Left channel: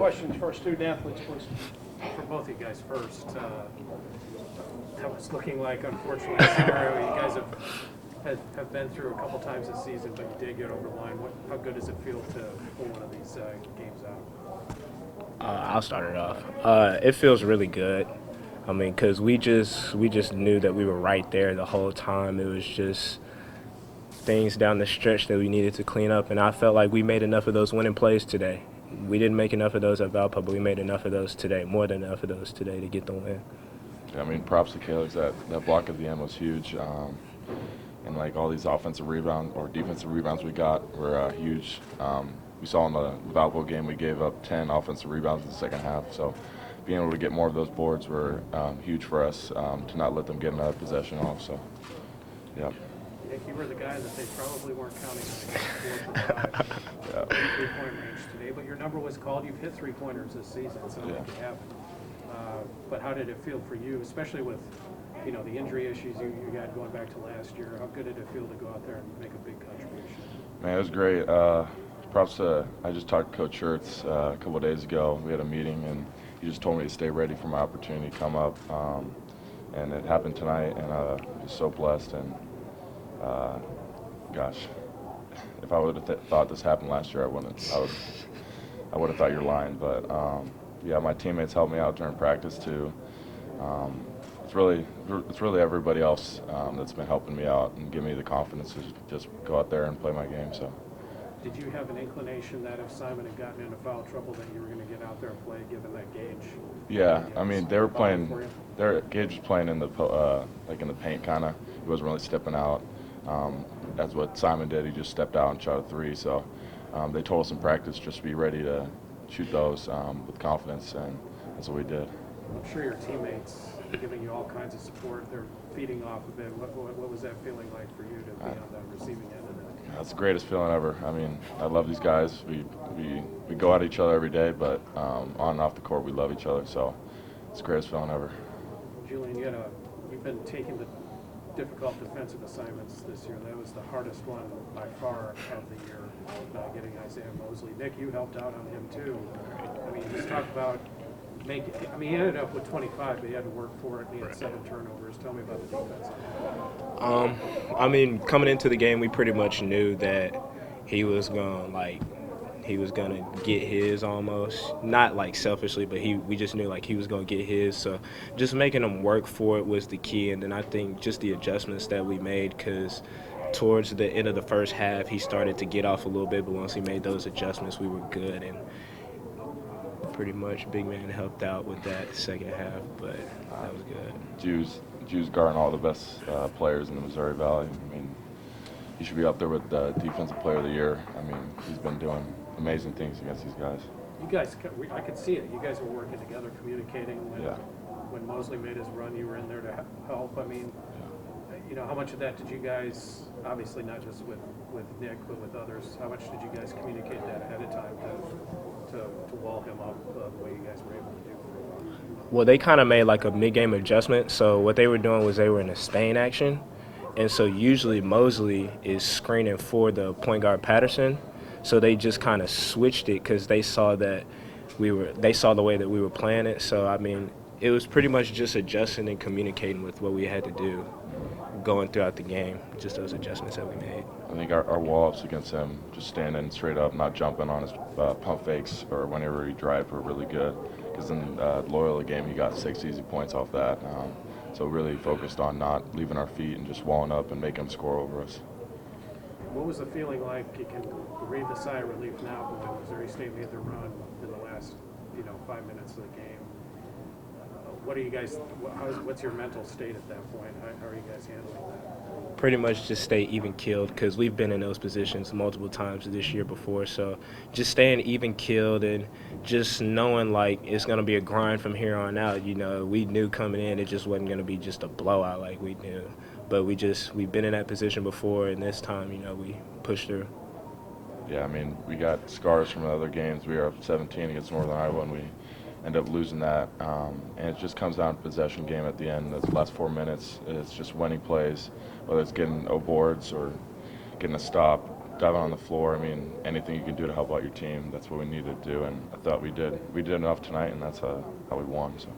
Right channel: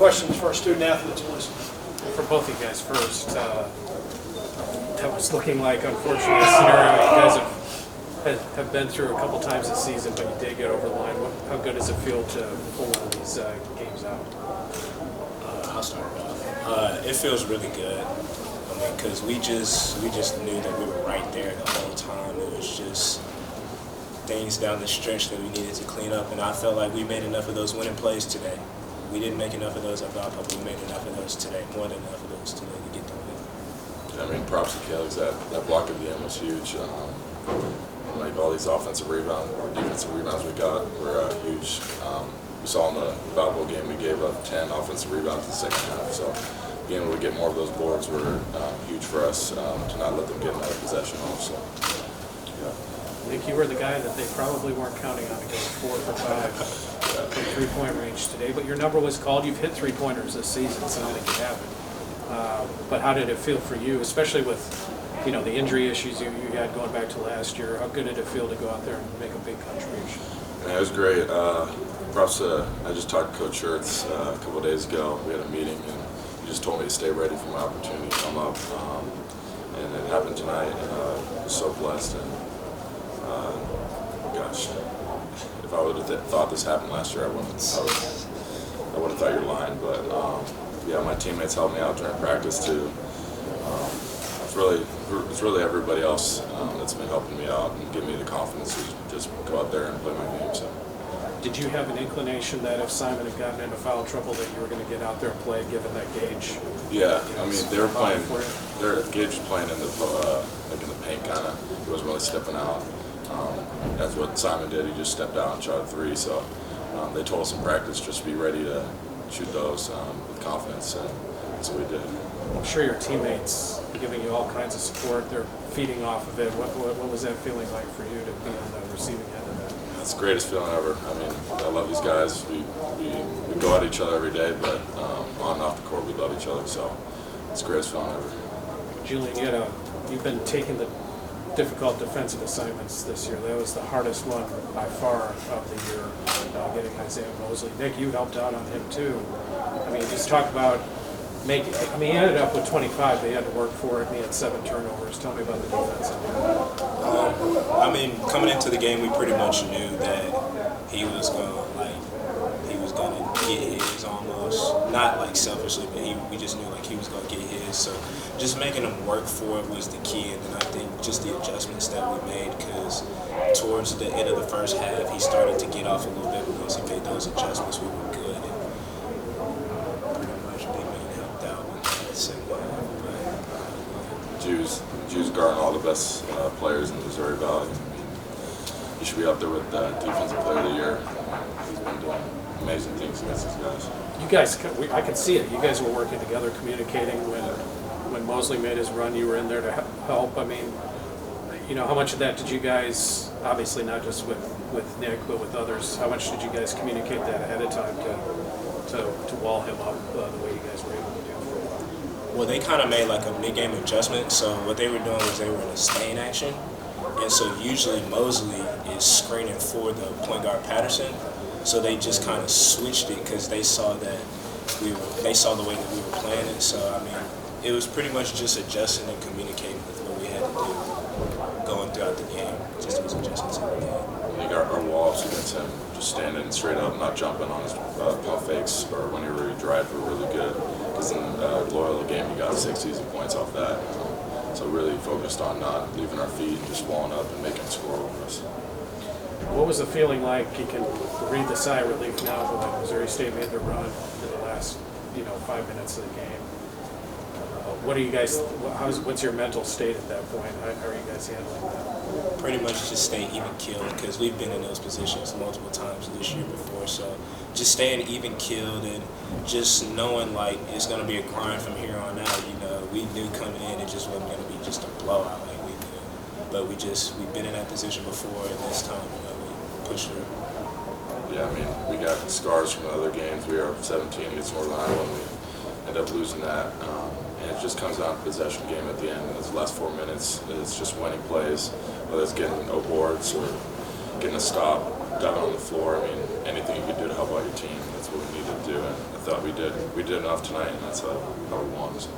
questions for our student athletes, please. For both of you guys first, that was looking like, unfortunately, a scenario you guys have been through a couple times this season, but you did get over the line. How good does it feel to pull one of these games out? I'll start it off. It feels really good. I mean, because we just knew that we were right there the whole time. It was just things down the stretch that we needed to clean up, and I felt like we made enough of those winning plays today. We didn't make enough of those at Valpo, but we made enough of those today, more than enough of those today to get the win. I mean, props to Calix. That block at the end was huge. And like all these offensive rebounds or defensive rebounds we got were huge. We saw in the Valpo game we gave up 10 offensive rebounds in the second half. So being able to get more of those boards were huge for us to not let them get another possession off. So, yeah. Nick, you were the guy that they probably weren't counting on to go 4 for 5 in three-point range today, but your number was called. You've hit three-pointers this season, so I don't think you haven't. But how did it feel for you, especially with the injury issues you had going back to last year? How good did it feel to go out there and make a big contribution? Man, it was great. Props to, I just talked to Coach Schertz a couple of days ago. We had a meeting, and he just told me to stay ready for my opportunity to come up. And it happened tonight, and I was so blessed. And gosh, if I would have thought this happened last year, I would have thought you're lying. But yeah, my teammates helped me out during practice too. It's really everybody else that's been helping me out and giving me the confidence to just go out there and play my game. So. Did you have an inclination that if Simon had gotten into foul trouble that you were going to get out there and play, given that Gage? Yeah, I mean they were playing. Gage was playing in the in the paint kind of. He wasn't really stepping out. That's what Simon did. He just stepped out and shot a 3. So they told us in practice just be ready to shoot those with confidence, and that's what we did. I'm sure your teammates are giving you all kinds of support. They're feeding off of it. What was that feeling like for you to be on the receiving end of that? That's the greatest feeling ever. I mean, I love these guys. We go at each other every day, but on and off the court, we love each other. So it's the greatest feeling ever. Julian, you've been taking the difficult defensive assignments this year. That was the hardest one by far of the year, getting Isaiah Mosley. Nick, you helped out on him too. I mean, just talk about making. I mean, he ended up with 25. They had to work for it. He had 7 turnovers. Tell me about the defense. I mean, coming into the game, we pretty much knew that he was gonna get his almost. Not like selfishly, but we just knew like he was gonna get his. So just making him work for it was the key. And then I think just the adjustments that we made, because towards the end of the first half, he started to get off a little bit. But once he made those adjustments, we were good. And pretty much Big Man helped out with that second half. But Juice guarding all the best players in the Missouri Valley. I mean, he should be up there with Defensive Player of the Year. I mean, he's been doing amazing things against these guys. You guys, I could see it. You guys were working together, communicating. When Mosley made his run, you were in there to help. I mean, how much of that did you guys, obviously not just with Nick, but with others, how much did you guys communicate that ahead of time to wall him up the way you guys were able to do for a while? Well, they kind of made like a mid-game adjustment. So what they were doing was they were in a staying action. And so usually Mosley is screening for the point guard Patterson. So they just kind of switched it because they saw that they saw the way that we were playing it. So, I mean, it was pretty much just adjusting and communicating with what we had to do going throughout the game. Just those adjustments that we made. I think our wall-ups against him, just standing straight up, not jumping on his pump fakes or whenever he drive, were really good. Because in the Loyola game, he got 6 easy points off that. So really focused on not leaving our feet and just walling up and making him score over us. What was the feeling like? You can breathe the sigh of relief now when Missouri State made their run in the last, 5 minutes of the game. What are you guys? What's your mental state at that point? How are you guys handling that? Pretty much just stay even keeled, because we've been in those positions multiple times this year before. So just staying even keeled and just knowing like it's going to be a grind from here on out. We knew coming in it just wasn't going to be just a blowout like we knew. But we've been in that position before, and this time, we pushed through. Yeah, I mean, we got scars from the other games. We were up 17 against Northern Iowa, and we ended up losing that. And it just comes down to possession game at the end. Those last 4 minutes, it's just winning plays, whether it's getting no boards or getting a stop. diving on the floor. I mean, anything you could do to help out your team, that's what we needed to do, and I thought we did. We did enough tonight, and that's how we won. So.